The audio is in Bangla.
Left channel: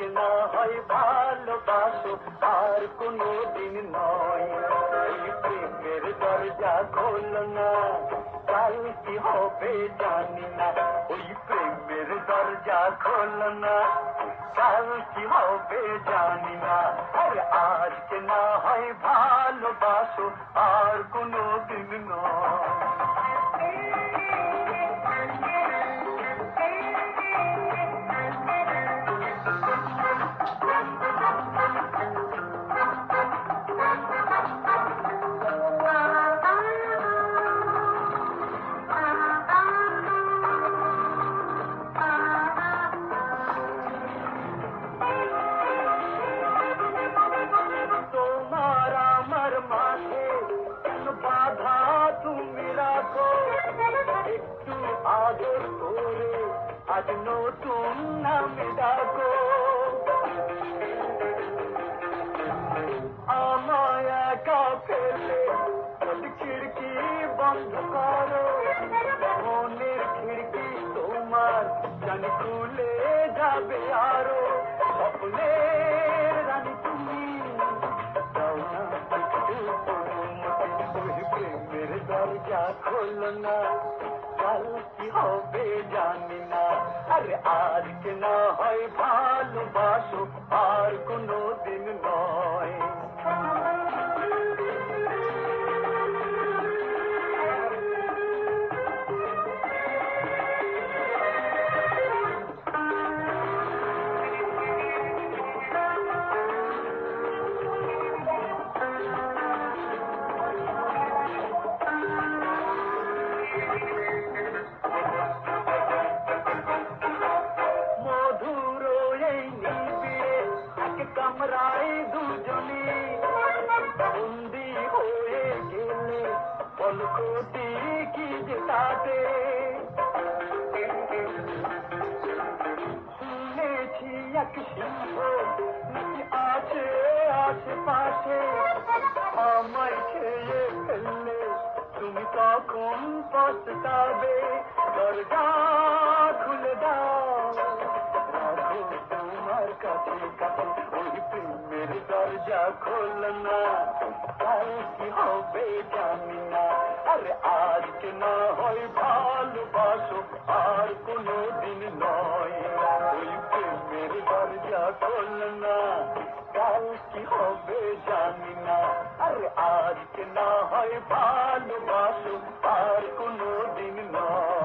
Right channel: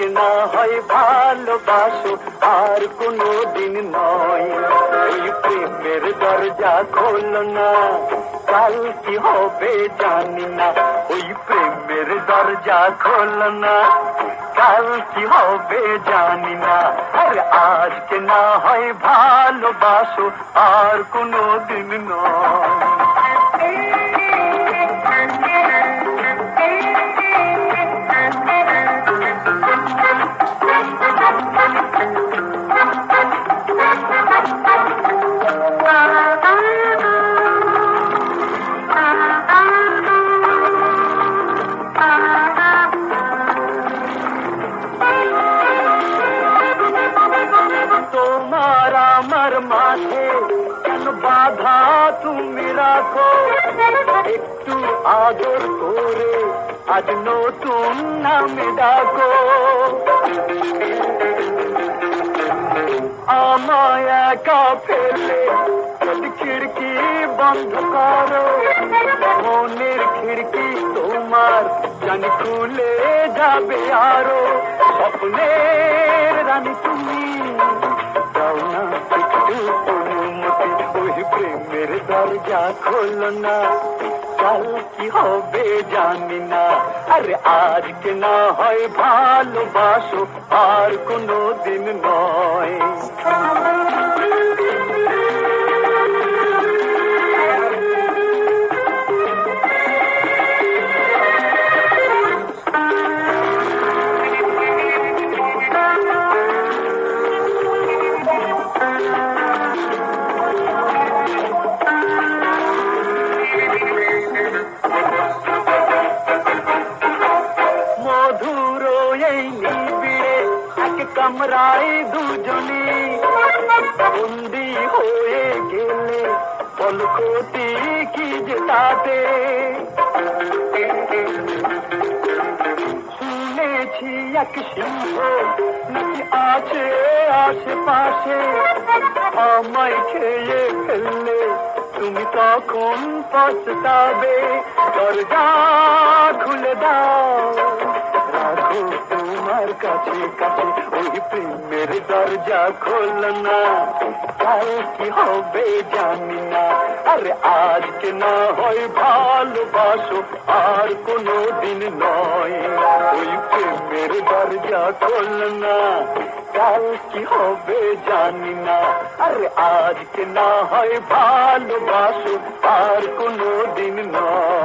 না হয় ভালোবাসো, আর কোনো দিন নয়। এই প্রেমের দরজা খোলো না, কাল কি হবে জানি না। ওই প্রেমের দরজা খোলো না, কাল কি হবে জানি না। আর আজকে না হয় ভালোবাসো, আর কোনো দিন নয়। বাধা তুমি রাখো। একটু আদর করে আজ নতুন নামে ডাকো। আমায় একা ফেলে খিড়কি বন্ধ করো। মনের খিড়কি তোমার জানি খুলে যাবে আরও। স্বপ্নের রানী তুমি দরজা খোলো না। কাল কি হবে জানি না। আরে আজকে না হয় ভালোবাসো, আর কোনো দিন নয়। কামরায় দুজনে বন্দি হয়ে গেলে বলকতি কি যে তাতে শুনেছি এক সিংহ নাকি আছে আশেপাশে আমায় খেয়ে ফেললে তুমি তখন পস্তাবে দরজা কাছে কাছে ওই প্রেমের দরজা খোল না। কাল কি হবে জানি না, আরে আজকে না হয় ভালোবাসো, আর কোনো দিন নয়। ওই প্রেমের দরজা খোল না, কাল কি হবে জানি না, আরে আজকে না হয় ভালোবাসো, আর কোনো দিন নয়।